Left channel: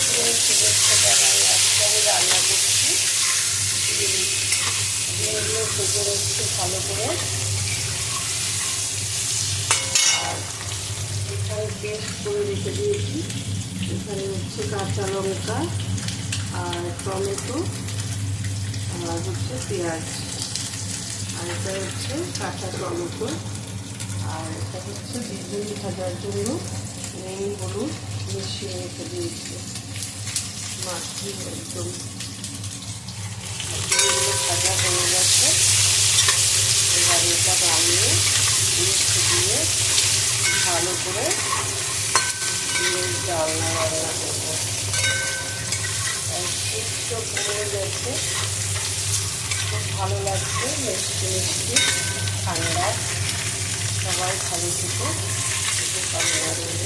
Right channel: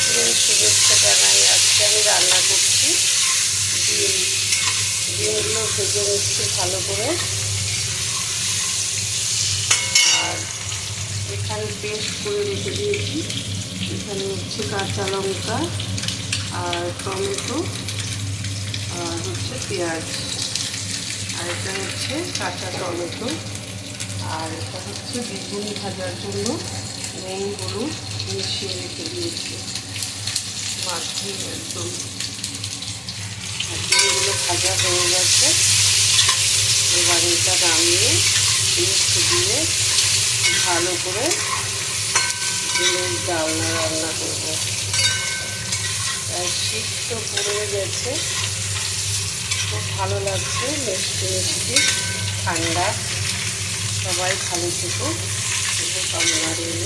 শুভেচ্ছা জানাই। আজকে আমি রান্না করছি ডিমগুলো ভেজে নিচ্ছি ভালো করে। আর এখানে পেস্ট করে রেখে দিয়েছি। এখানে হচ্ছে কাঁচা লঙ্কা আর টমেটো আর হচ্ছে পেঁয়াজ, আর এটা হচ্ছে কাঁচা টমেটো, আর এটা হচ্ছে বেগুন ভাজার জন্য নুন হলুদ মিশিয়ে রেখে দিয়েছি। মাখিয়ে একদম এগুলো ভাজা হয়ে গেছে। এবার এটা নামিয়ে মিষ্টি দিয়ে ভালো করে ডিমের ডালনা রান্না করবো। শীত তো পড়ে গেছে, খুব ভালো লাগছে, মিষ্টি মিষ্টি ঠান্ডা। সবাই ভালো থেকো, কামনা রইল।